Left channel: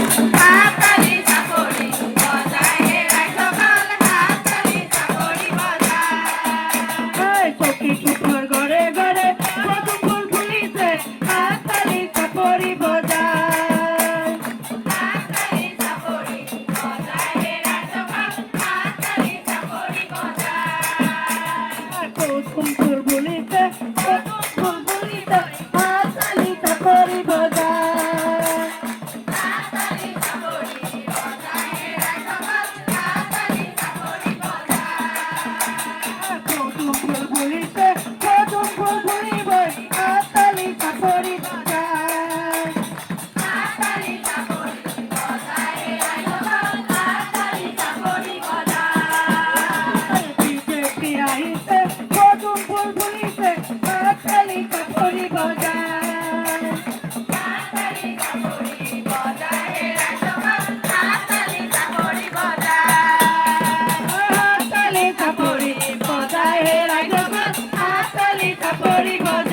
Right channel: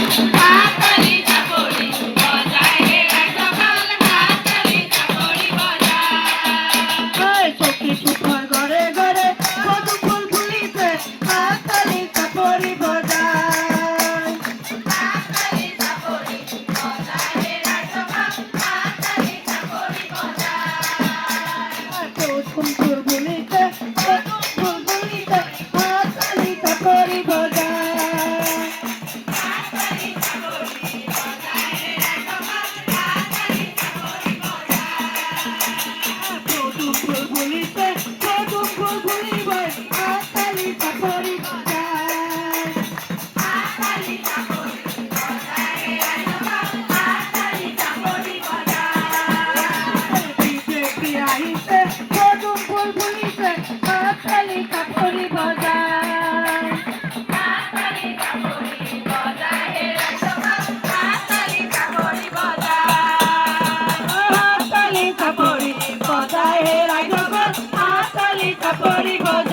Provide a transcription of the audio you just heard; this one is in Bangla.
হাততালি চাপড়ি বজায় হে রাজপাল হাততালি চাপড়ি বজায় সখী পুকুর ঘরে ঘরে কদম ফুল ফুলিছে হাততালি চাপড়ি বজায় হাততালি চাপড়ি বজায় হে রাজপাল হাততালি চাপড়ি বজায় কদম ফুল ফুলিছে কদম ফুল ফুলিছে হাততালি চাপড়ি বজায় হাততালি চাপড়ি বজায় হে রাজপাল হাততালি চাপড়ি বজায় কদম ফুল ফুলিছে কদম ফুল ফুলিবে হাততালি চাপড়ি বজায় হাততালি চাপড়ি বজায় হে রাজপাল হাততালি চাপড়ি বজায় বিজেপি আইছে কদম ফুল ফুলিছে হাততালি চাপড়ি বজায় হাততালি চাপড়ি বজায় হে রাজপাল হাততালি চাপড়ি বজায় হাততালি চাপড়ি বজায় হে রাজপাল হাততালি চাপড়ি বজায়